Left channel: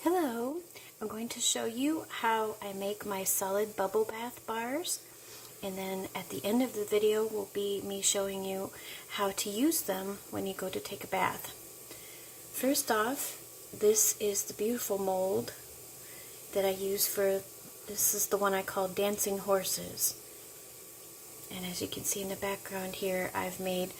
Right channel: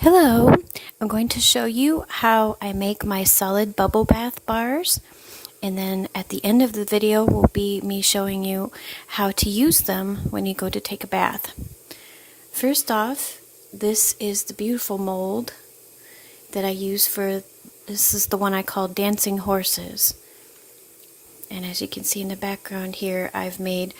Hello, I'm going to show you how I make my solid bubble bath bars, and then at the end of the video will be me showing you how to use them when you go to take a bath. First off, this is the beautiful mold that I use this is the one I call dancing horses. And as you can see in the background here, I've made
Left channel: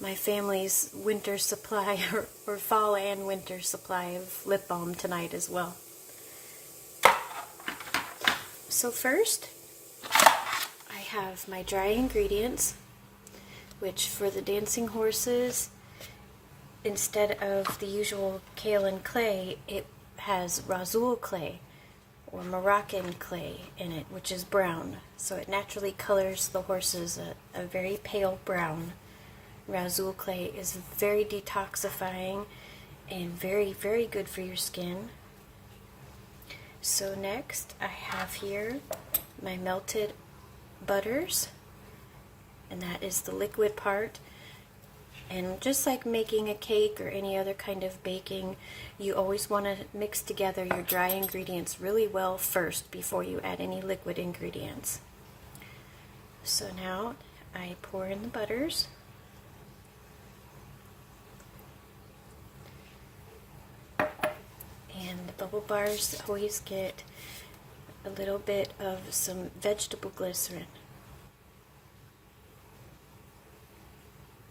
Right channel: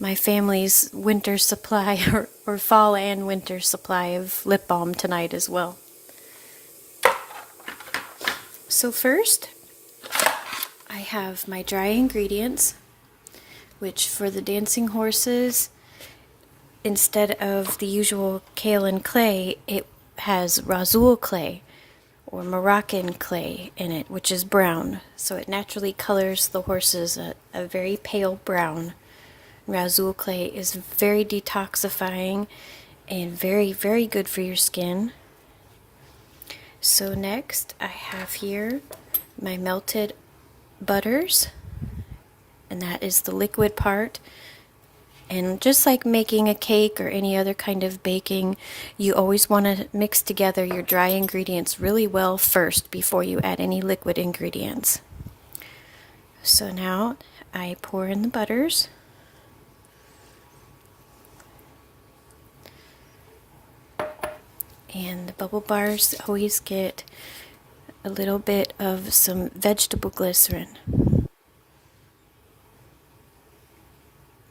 my family's winter supply, or fall and winter supply of lip balm tonight as well. So first, I have my dry ingredients, which for the dancing horses, instead of the usual kaolin clay, it has razul clay or Moroccan clay in it, which is brown. So it naturally colors the horses a very pale brown. Razul clay is very detoxifying and very, very good for your skin. So next I have here my melted butters, and that is the liquid part. And just like making a cake or any other kind of baking, you always want to mix together your dry ingredients really well first before you add any liquid ingredients. So now I pour in the butters. And the bubble bars always get a little bit of some vegetable glycerin.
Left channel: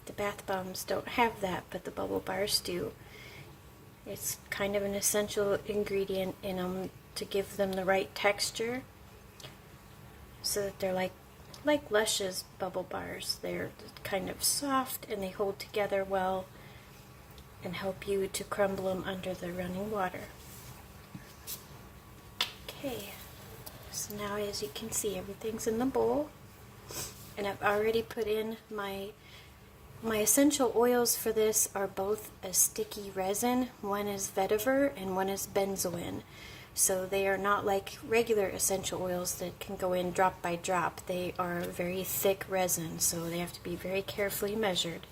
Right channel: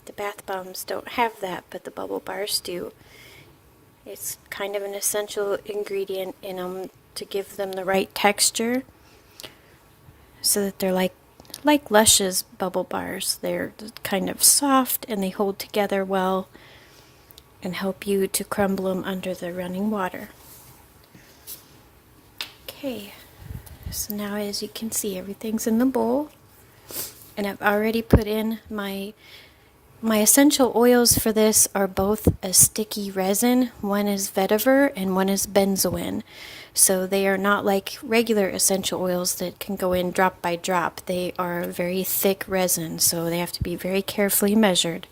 The bath bombs don't have that, but the bubble bars do. It's kind of an essential ingredient in them to give them the right texture so that they're like Lush's bubble bars. They're kind of soft and they hold together well and help you to crumble them under the running water. Okay, so now as you can see, everything's in the bowl, and I've already put in my essential oils for this are both a sticky resin. One is vetiver and one is benzoin. So they are not like regular essential oils that can go in drop by drop. They are very thick resin, so they have to be very carefully measured.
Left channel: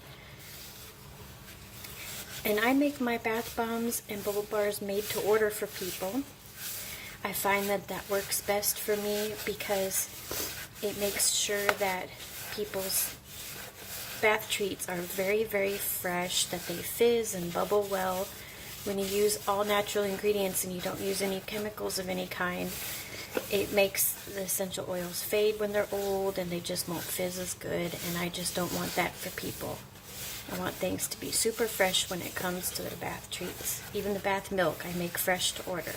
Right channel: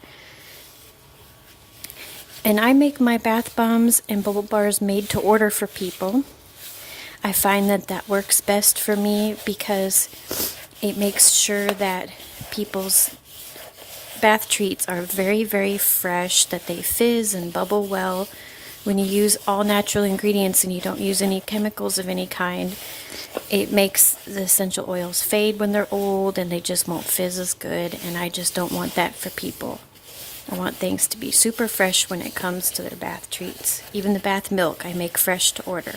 And I make my bath bombs and bubble bars made to order for people. I find that works best for me because it makes sure that people's bath treats are very, very fresh, that they fizz and bubble well. When you use all natural ingredients and you don't use any chemicals of any kind, it makes the essential oils fade when they're old and they just won't fizz as good, and I just don't want that for people. I want things to be super fresh when it comes to their bath treats. Even the bath milk I make fresh to order.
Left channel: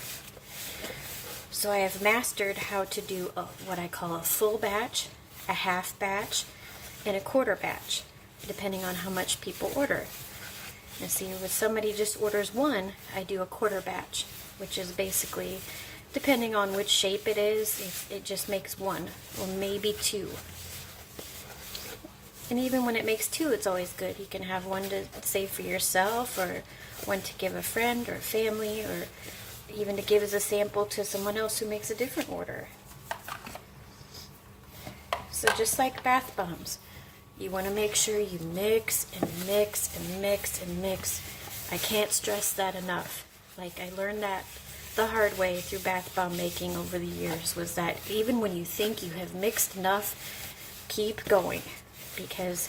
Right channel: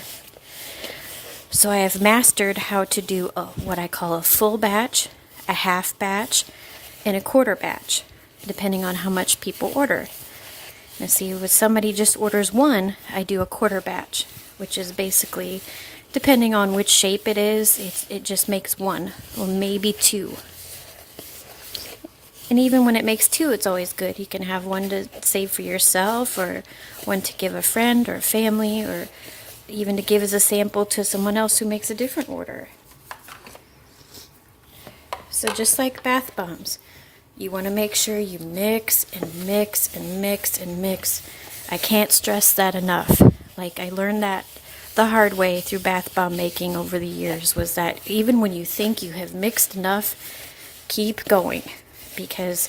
So I have mastered how to do what I call a full batch, a half batch, and a quarter batch, depending on how much people order. Now see, if somebody just orders one, I do a quarter batch, which is basically, depending on which shape it is, it just makes one, or maybe two. And even when it makes two, it's always good. You can have one to save for yourself, or one to give a friend or family, or even to give as a sample to someone else who makes a different order. So just like bath bombs, you want to make sure you mix and mix and mix and mix. I can't stress that enough. Like, I learned that the hard way through bath bomb making over the years, was that even when you think you have mixed enough, keep going. Because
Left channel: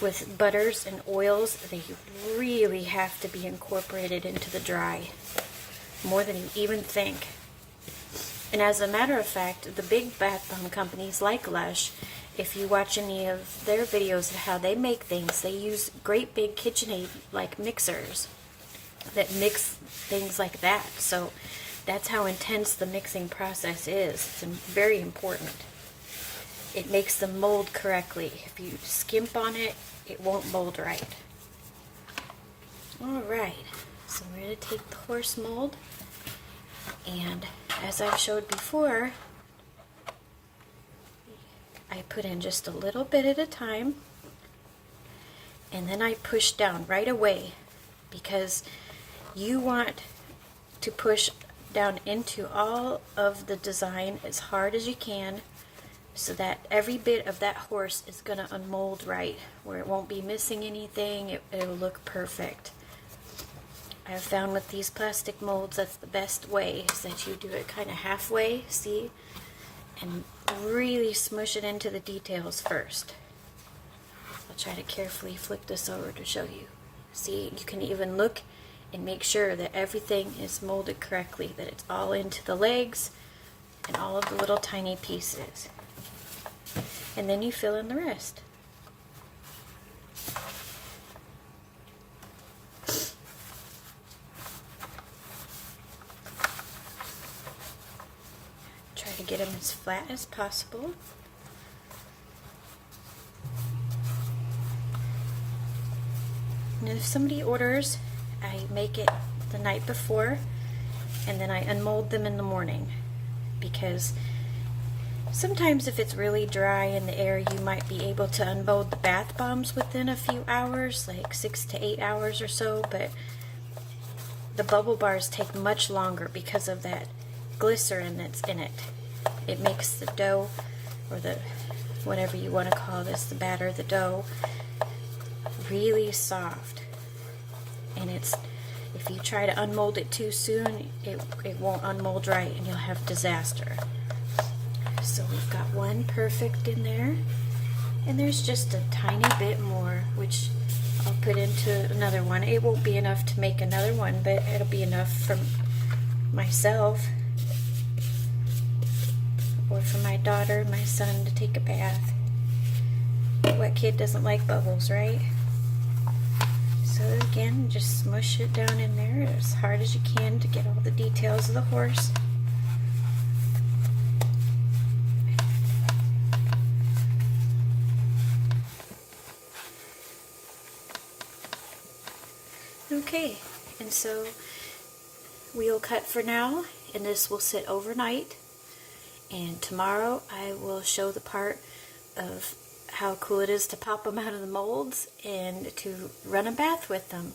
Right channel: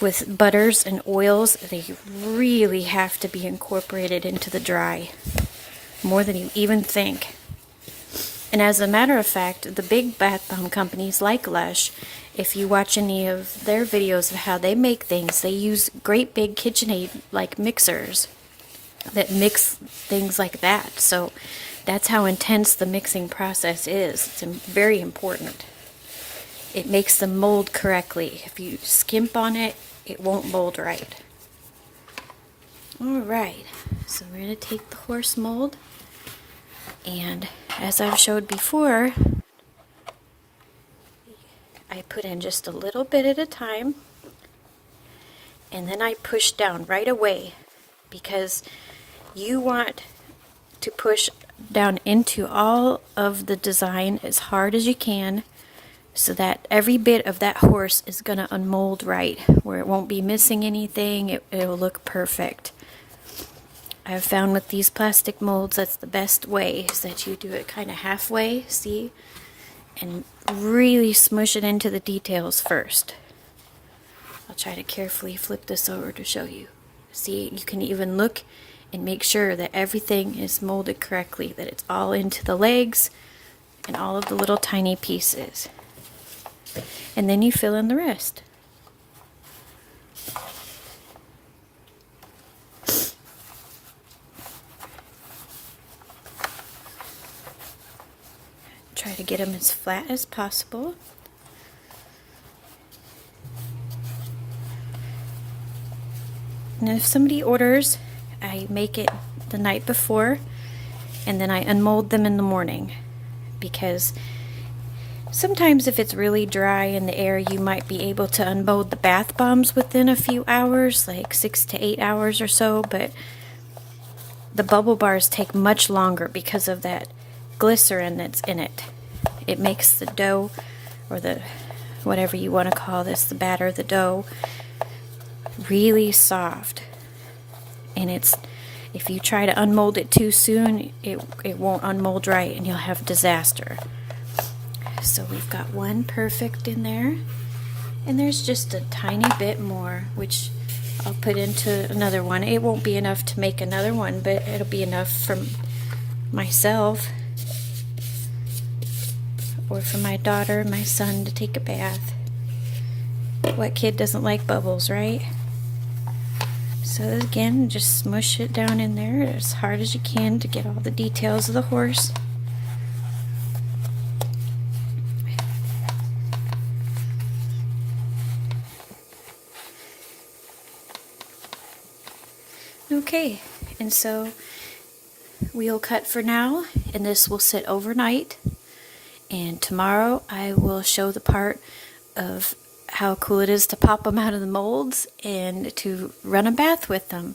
with butters and oils, they really have to be incorporated into the dry, more than you even think. And as a matter of fact, the big bath bomb companies like Lush, if you watch any of their videos of how they make things, they use great big KitchenAid like mixers that mix things like that. So that's how intense the mixing process is. It's very important. It makes them mold correctly. If you skimp on it, it won't mold right. Alright, so we're going to take the horse mold, and as I've showed before, I put in just a little bit at a time, and then I push down right away, because you want to push down into all of the design as hard as you can, so that every bit of that horse is going to unmold right, where it won't be missing anything. It'll look perfect. I've found with these plastic molds, that's the best way, is that you do it kind of halfway, see? And really smush it into the details first. I'll try to carefully flip this over to show you. See, you can even look and make sure that everything is molded correctly, that it's all into the legs and all of the little tiny pieces. And then you fill in the rest. Try to get them as flat as possible. And if somebody orders, I make it the night before and then I unmold them in the morning, because sometimes if it's really dry in the air, you might be able to unmold the bath bombs within a few hours, like 6 to 8 hours or so, but the bubble bars take much longer because of that glycerin that's in it. It makes the dough, or the whatever you want to call this, the batter, the dough, really soft. And if you try to unmold it too soon, it won't unmold right and you'll have disaster. So we've got one perfect in there, and there's just a tiny bit more, which I'll put into another one. It won't be enough to make another one, but it'll be enough for myself or for my daughter and my son to take a bath. What kid doesn't like bubbles, right? So again, just smush it down in there as hard as you can to get all the details of the horse. Okay, and so we'll cut for now, and this will sit overnight, and tomorrow I will show the part of how cool it is to pop them out of the molds and to run a bath with them.